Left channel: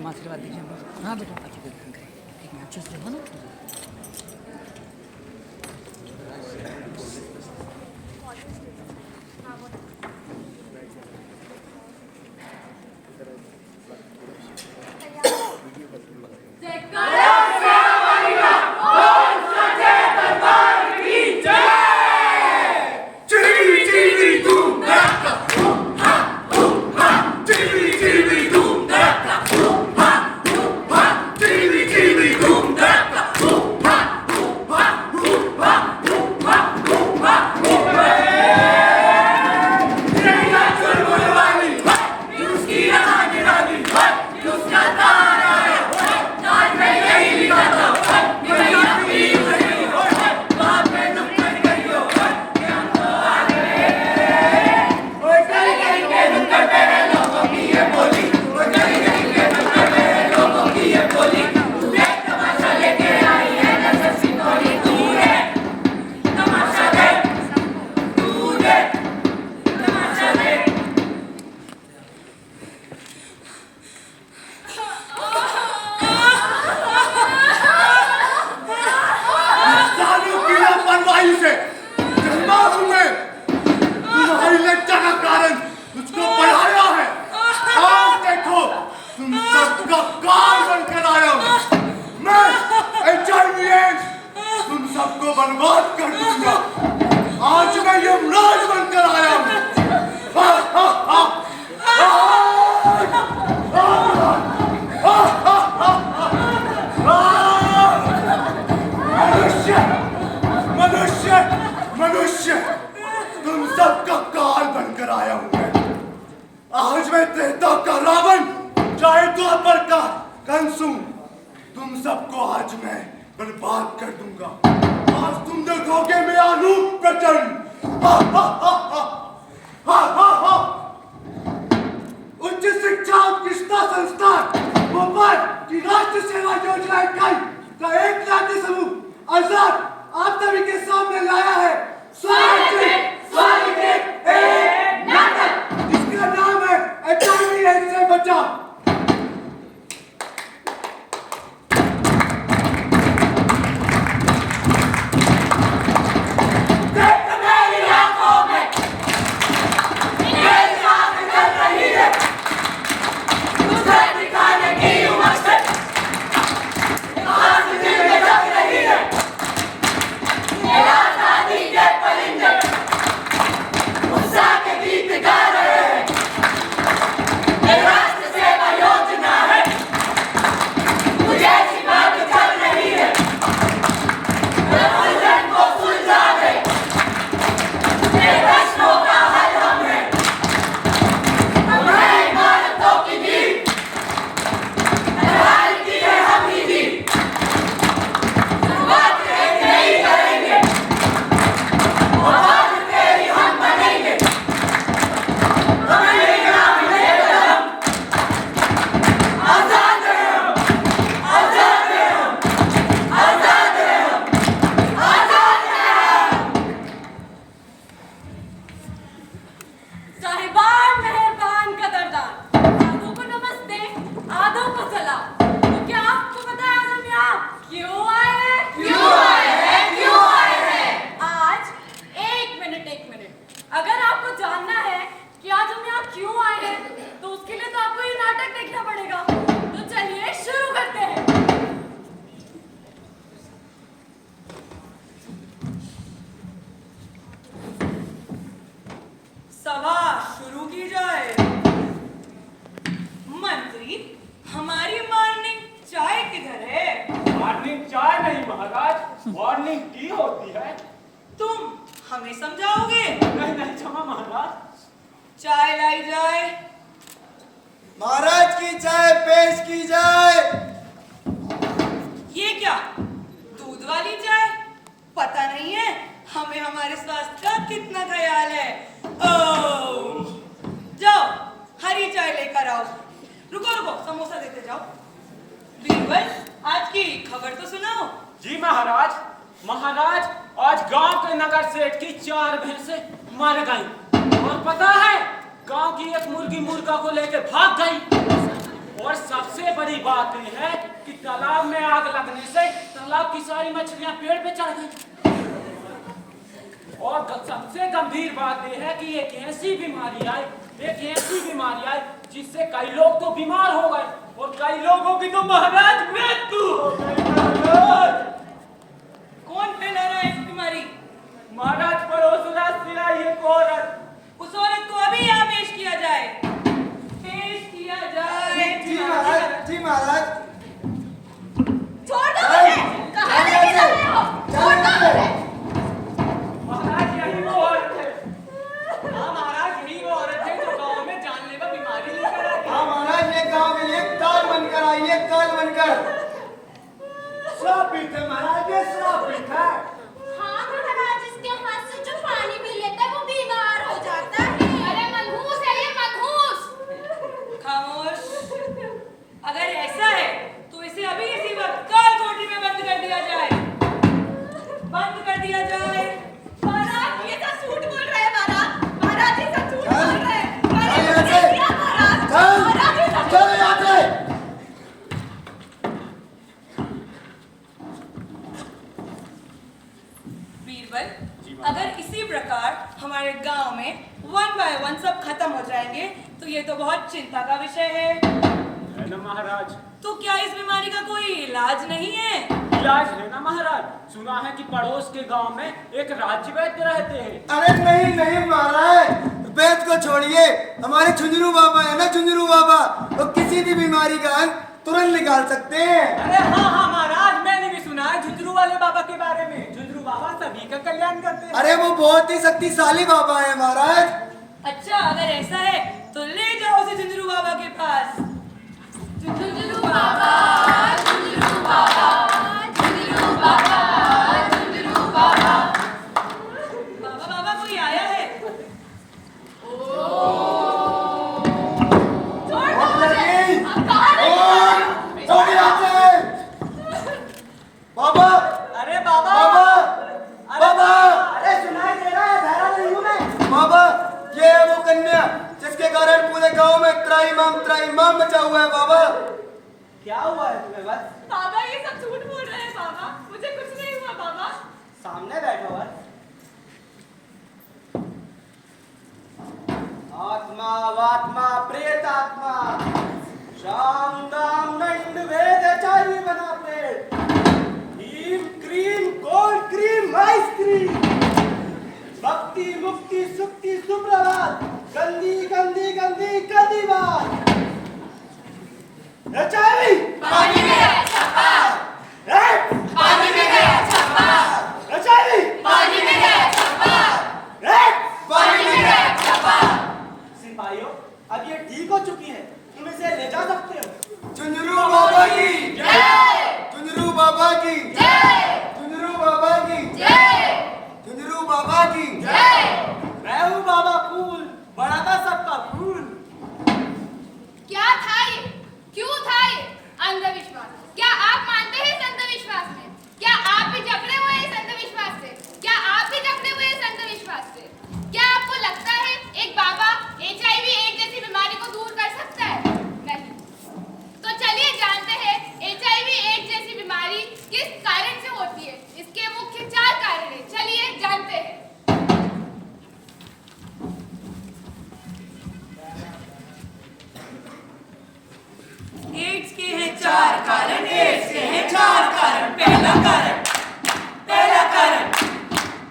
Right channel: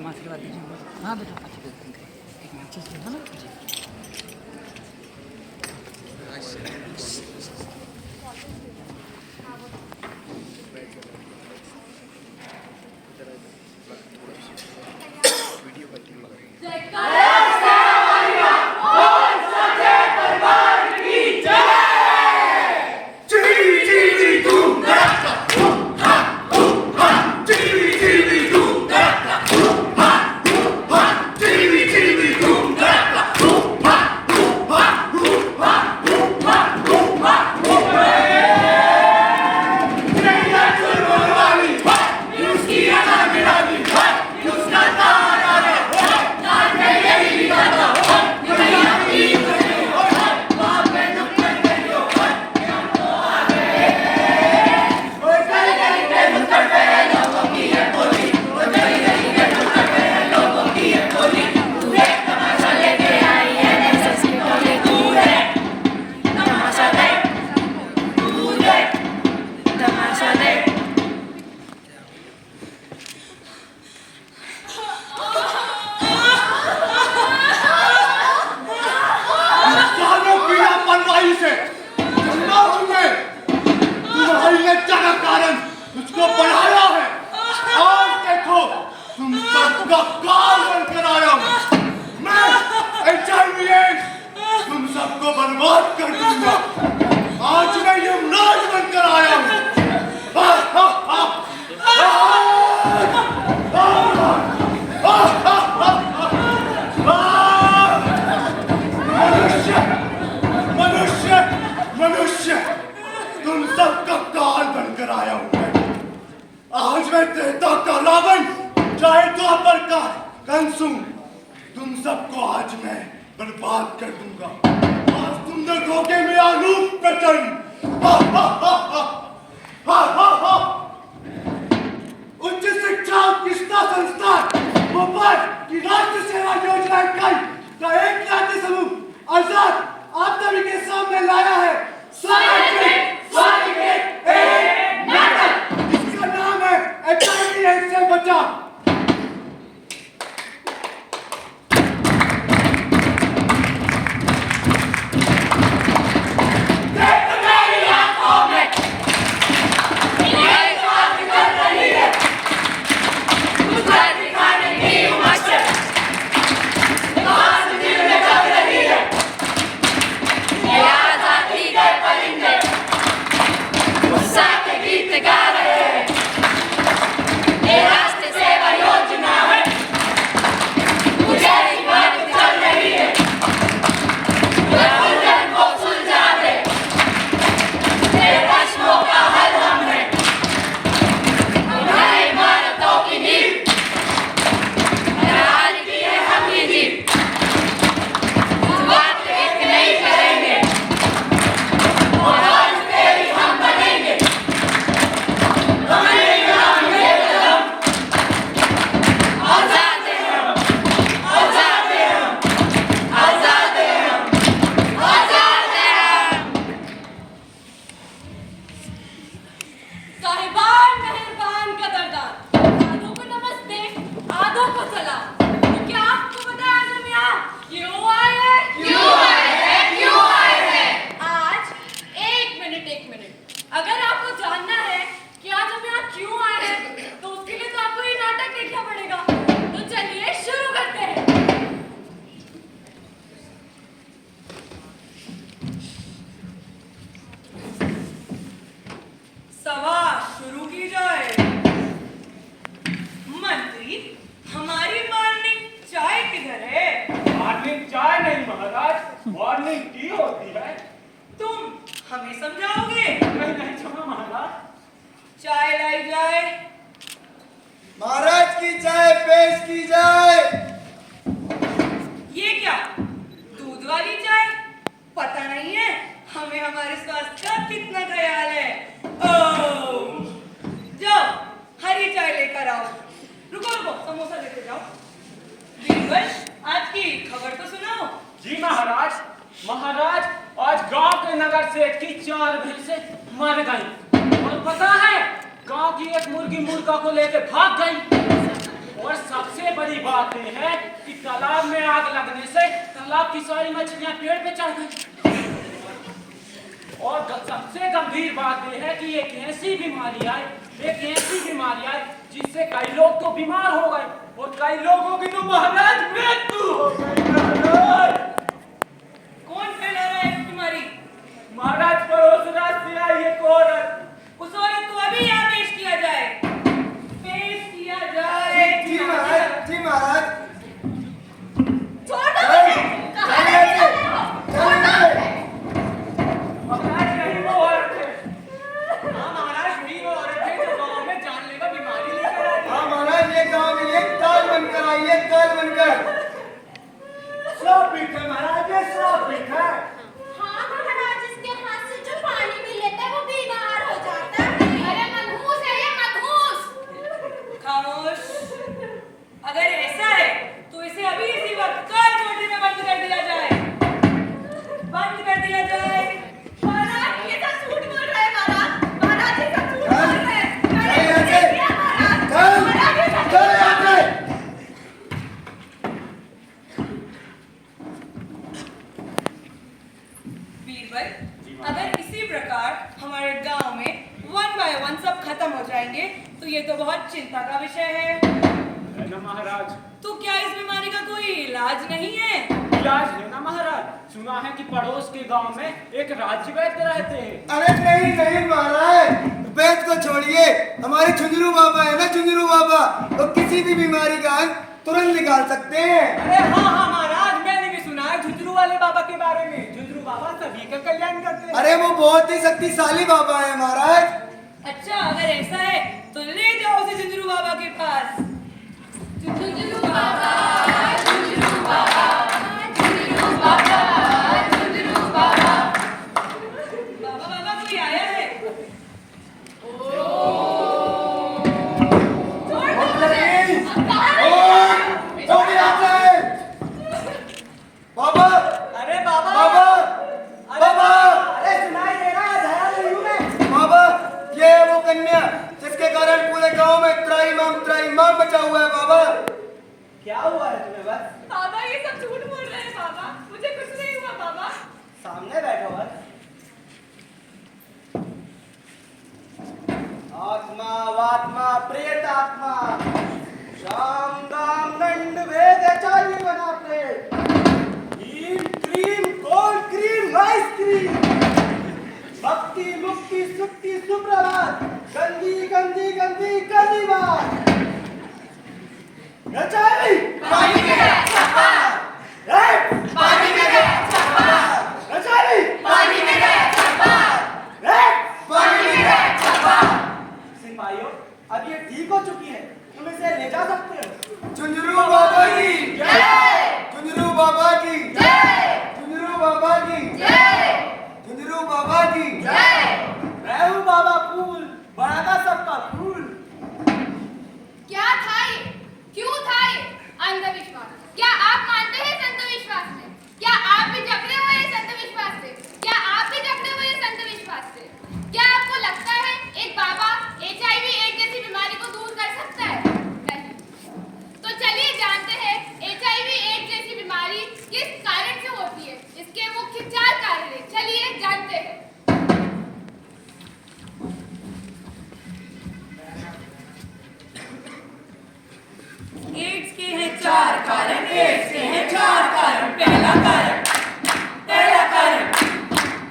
जमा करवा दीजिए। हाँ बेटा एक अच्छे से देखो ना। सबको बर्बाद कर दूंगा। आज मैं यमराज बनकर आया हूँ। मनुष्य मनुष्य मनुष्य तुम सबका काल बनकर आया हूँ मैं। आज मैं त्रेता का रावण, चाहे द्वापर का कंसु, तुम सबको आज मैं बर्बाद कर दूंगा। आज तुम देखोगे मेरा रूप प्रचंड। उच्च शिक्षा कृष्णा संस्थान भोपाल की राष्ट्र सेवा योजना इकाई का एक राज्य समूह आजाद आप सभी के सामने लाया है स्वागत एक नाटक जिसका नाम है HIV से बचाव। मॉर्निंग टी होती है। तुम हमें समझाओगे? नहीं नहीं क्षमा महाराज। चाय लाई जाए। महाराज की चाय पेश की जाए। ये क्या दूध वाली चाय? पता नहीं है हमें हमारे स्वास्थ्य का कितना ख्याल है। ओह, जाओ हरी चाय लेकर आओ। रुको रुको समोसा देते जाओ। बीरबल आज की खबर तो सुनाओ। जी महाराज। महाराज आज गांव के नगर सेठ की 4 भैंसें मर गई और पता है गांव की एक मुर्गी मुर्गा को लेकर भाग गई। और सबसे बड़ी बात यह है कि तालाब में आग लगने से तालाब की सारी मछलियां पेड़ पे चढ़ गई। और सबसे गंभीर बात यह है कि एक ऐसी बीमारी आई जिससे कई लोग तो बीमार हो गए और कई लोगों की तो महाराज मृत्यु हो गई। महाराज कौन फैला रहा है इस बीमारी? महाराज पड़ोस रात से आई एक औरत। उस औरत को अभी यहाँ पेश किया जाए। पेश किया जाए। जी महाराज, जी महाराज। छोड़ दो मुझे। कहाँ ले जा रहे हो? छोड़ दो मुझे। महाराज यही वो औरत है। हाँ महाराज यही वो औरत है जो गांव में जानलेवा बीमारी लेकर आई। हाँ महाराज, ये गांव में एक ताल बनकर आई, एक ताल बनकर। श्रापित है महाराज, ये श्रापित है। हाँ महाराज, इसके हाथ से जो पानी पी लेता है वो बीमार हो जाता है। अरे मनहूस है ये, मनहूस। खामोश। अगर ऐसा है तो इसे अभी इसी वक्त काल कोठरी में बंद कर दिया जाए। बंद कर दिया जाए। महाराज ये तो झूठ बोल रहे हैं। महाराज ये तो झूठ बोल रहे हैं। चल यहाँ से। महाराज ये तो चल यहाँ से। बीरबल, अगर इसी प्रकार हमारे गांव में 1 बाय 1 सब खत्म हो जाएंगे तो ये तो बहुत चिंता का विषय है। है ना महाराज? तो क्या इस बीमारी का कोई इलाज नहीं है? इलाज है ना महाराज। सुना है कि पड़ोस के गांव में एक राज्य वैद्य रहते हैं। अरे नहीं नहीं महाराज, वैद्य को छोड़िए, हमारे झुंझुनू बाबा है ना, झुंझुनू बाबा, वो किसी भी बीमारी का अंत तुरंत निकाल सकते हैं। अरे हाँ महाराज, मैंने भी सुना है झुंझुनू वाले बाबा के बारे में। झुंझुनू बाबा सभी का कल्याण करते हैं। अरे वो बहुत ही शक्तिशाली बाबा है महाराज। अच्छा, अगर ऐसा है तो ले जाओ उसे झुंझुनू बाबा के पास। झुंझुनू बाबा, झुंझुनू बाबा, झुंझुनू बाबा, झुंझुनू बाबा। बाबा बाबा कोई आया है? छोड़ दो मुझे। अब कहाँ ले बाबा, अरे बाबा, बाबा, बाबा, अरे सुनाई दे रहा है, धरा नहीं हूँ मैं। बाबा, ये है वो कन्या जिसके कारण पूरे गांव में त्राहिमाम मचा हुआ है। बाबा, क्या हुआ है तुम्हें? बस बाबा ये सब झूठ बोल रहे हैं। बाबा मुझे कुछ नहीं हुआ। बाबा सामने बैठा हुआ है। आत्मा वात्मा प्रेत आत्मा शाम दाम दंड भेद चाहिए बना प्रेत cream cream cold cream ice cream भक्ति मुक्ति सुक्ति सुप्रभात गंदी गंदी गंदी गंदी बात रचाई पानी में है छप्पा, पानी में है छप्पा, रचाई पानी में है छप्पा, पानी में है छप्पा। सिपाहियों, अब ये ठीक हो चुकी है, तुम इसे ले जा सकते हो। झुंझुनू बाबा की जय, झुंझुनू बाबा की जय, झुंझुनू बाबा की जय, झुंझुनू बाबा की जय। मैं हूँ बाबा फूल, बड़ा था सबका फूल। क्या था ये? क्यों था ये अंधविश्वास? क्या आप मानते हैं इस अंधविश्वास में? क्या आप भी जकड़े हुए हैं इस अंधविश्वास से? क्या आप भी जकड़े हुए हैं इस अंधविश्वास से? क्या आपको लगता है एक बाबा HIV एड्स जैसी बीमारी को दूर कर सकता है? नहीं। तो चलिए जानते हैं HIV एड्स जैसी बीमारी किस कारण से होती है। इसके मुख्य 4 कारण हैं। चलिए जानते हैं। एड्स के हैं 4 कारण। एड्स के हैं 4 कारण। पहला कारण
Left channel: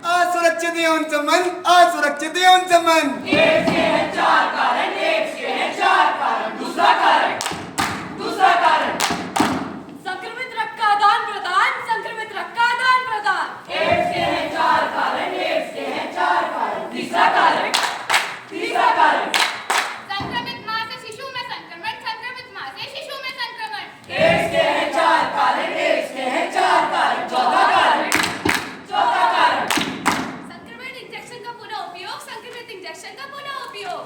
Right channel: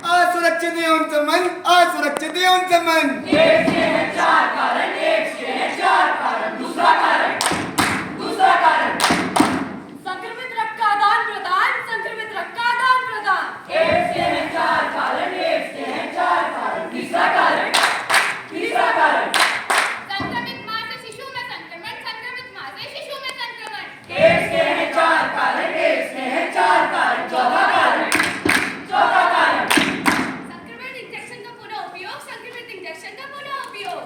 असुरक्षित यौन संबंध, असुरक्षित यौन संबंध। एड्स के हैं 4 कारण। एड्स के हैं 4 कारण। दूसरा कारण संक्रमित रक्त का आदान प्रदान। संक्रमित रक्त का आदान प्रदान। एड्स के हैं 4 कारण। एड्स के हैं 4 कारण। तीसरा कारण संक्रमित मां से शिशु में संक्रमण, संक्रमित मां से शिशु में संक्रमण। एड्स के हैं 4 कारण। एड्स के हैं 4 कारण। चौथा कारण संक्रमित इंजेक्शन का पुनः उपयोग, संक्रमित इंजेक्शन का पुनः उपयोग।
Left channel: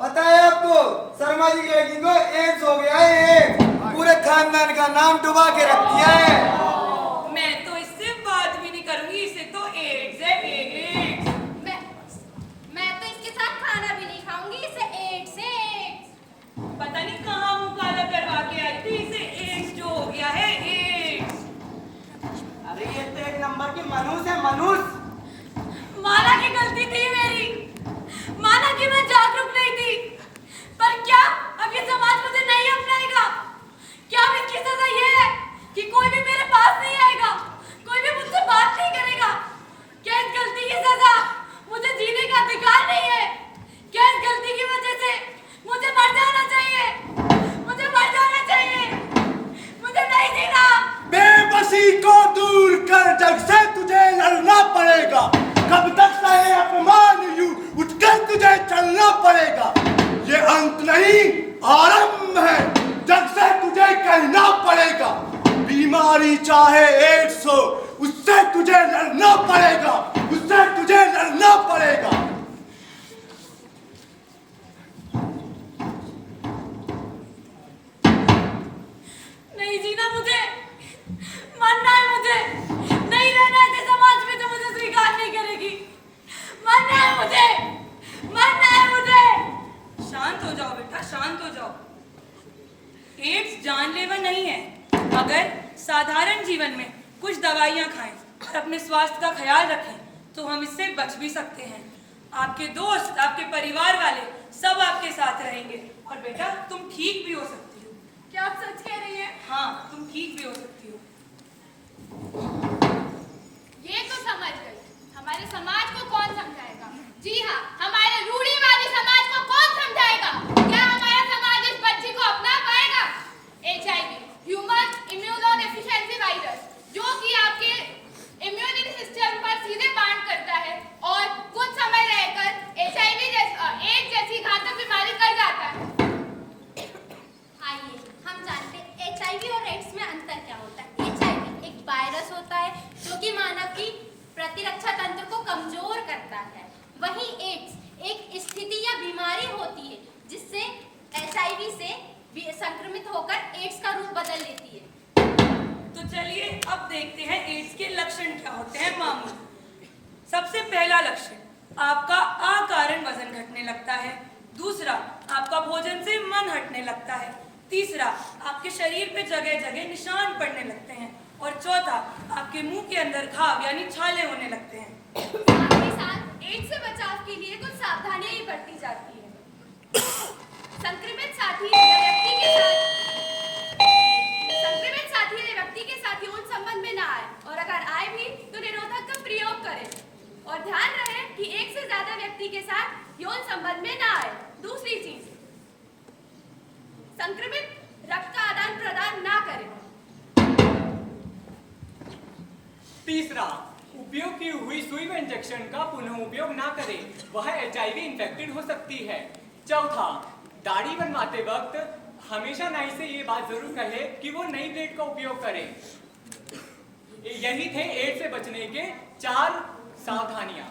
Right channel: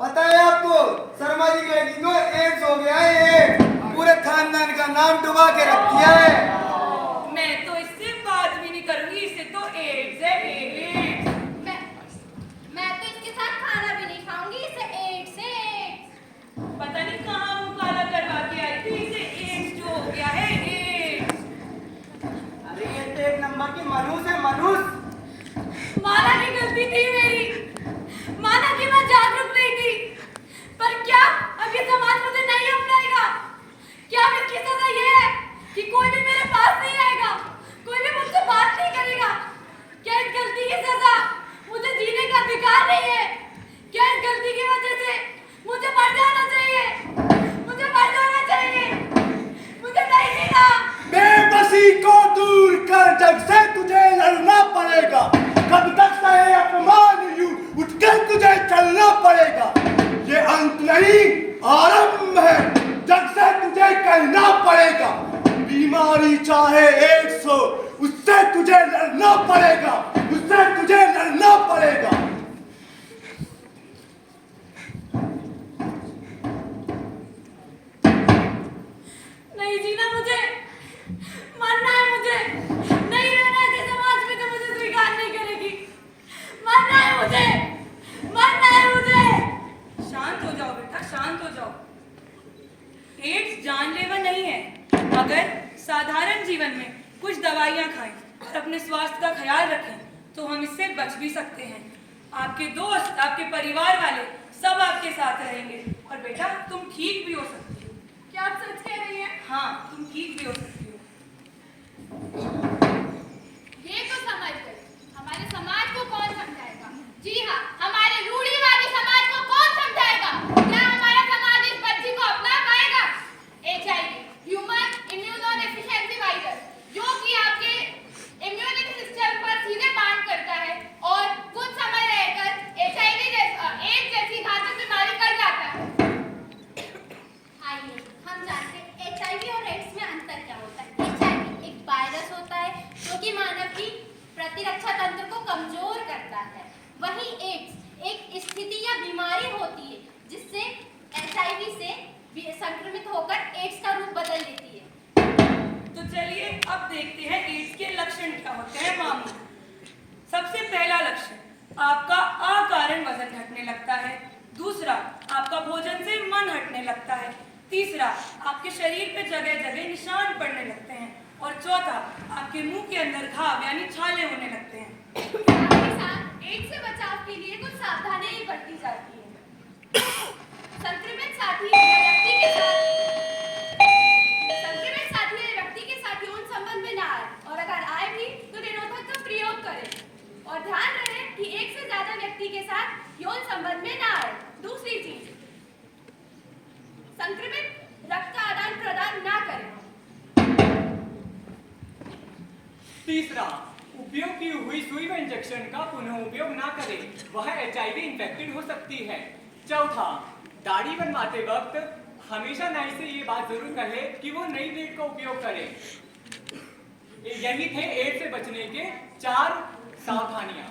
पता है आपको, शर्मा जी की बेटी को एड्स हो गया है, पूरे खानदान का नाम डुबा के रख दिया है। मैं तो इससे बात भी नहीं करूंगी, इसे तो एड्स है, एड्स। मैं तो इसके साथ खाना भी नहीं खाऊंगी, इसे एड्स है, एड्स। पता नहीं कहाँ मुंह काला करवा के आई थी, इसे एड्स जो हो गया है, एड्स। अरे ये तो एक नंबर की मनुष्य है, मनुष्य। माना की गलती थी मेरी, माना कि मैं जागरूक नहीं थी, पर क्या अब ये समाज मुझे नहीं अपनाएगा? क्या अब इसकी सजा ये है कि कोई भी मेरे पास नहीं आएगा, कोई भी मुझसे बात नहीं करेगा? क्या इस गलती की सजा मुझे जीने का अधिकार नहीं है? क्या इस गलती की वजह से मुझे मर जाना चाहिए? मुझे मर जाना चाहिए, मुझे नहीं जीना। बेबसी को दूर कर, जग से तुझे लड़ना पड़ेगा। कब तक सहे अपमान यूं, उठकर तुझे चलना पड़ेगा। ये अंत नहीं आरंभ है, जग से तुझे कहना पड़ेगा। बीमारी चाहे एड्स हो, उससे तुझे लड़ना पड़ेगा, उससे तुझे लड़ना पड़ेगा। नहीं जीना मुझे, मरना है मुझे, नहीं रहना है समाज में जो मुझे स्वीकार नहीं करेगी। मरना है मुझे, मरना है मुझे। शांत हो जाओ बेटा, शांत हो जाओ। एड्स जानलेवा नहीं है। अगर साधारण जीवन में कुछ दवाइयाँ खाएं और अपने स्वास्थ्य का ख्याल रखें तो हम इससे बच भी सकते हैं। आपके दोस्त, आपके परिवार वाले सब आपके साथ रहेंगे और बेटा तुम ठीक भी हो सकती हो। क्या आप सच कह रही हैं? हाँ, तुम ठीक भी हो सकती हो। ये तो समझ गई, हमारे समाज को कौन समझाएगा? जी हाँ, हमारे रूढ़िवादी समाज को कौन समझाएगा? क्या हमारा समाज इस बच्ची को अपना पाएगा? HIV, ह्यूमन इम्यूनोडेफिशिएंसी वायरस, जो कि आपके इम्यूनिटी सिस्टम पर सीधे बांध करता है और कुछ समय रहकर एड्स जैसी घातक बीमारी कर जाता है। आइए हम जानते हैं HIV और एड्स में अंतर क्या होता है। HIV एक वायरस होता है जो कि मानव की प्रतिरक्षा तंत्र को कमजोर करता है। वहीं एड्स एक स्थिति या बीमारी होती है जिससे HIV से संक्रमित होकर एड्स का रूप बदल लेती है। तो चलिए अब देखते हैं एड्स के लक्षण क्या होते हैं मामू। सबसे पहला लक्षण, आपका अकारण वजन घटने लगता है। दूसरा, आपका भोजन से मन हटने लगता है। तीसरा, आपके शरीर पे जगह जगह निशान पड़ने लगते हैं। और चौथा, आपके मुंह के अंदर घाव यानी छाले होने लगते हैं। साथ ही साथ एड्स से बचाव के लिए कुछ सावधानियां भी बरती जाती है। संक्रमित साथी व्यक्ति के साथ यौन संबंध में ना आए और अगर आए भी तो निरोधक का प्रयोग करें और ध्यान रहे कि एक से ज्यादा व्यक्ति के साथ यौन संबंध में ना आए। दूसरी चीज, संक्रमित रक्त का आदान प्रदान ना करें। तीसरा, उपयोग की हुई सुई में इंजेक्शन का पुनः उपयोग ना करें, वह HIV इंफेक्टेड हो सकती है। चौथा, दाढ़ी बनवाते वक्त हमेशा नाई से ये बात जरूर कहे कि वो नई ब्लेड का उपयोग करें। यही थे एड्स से बचने के 4 सावधानियां।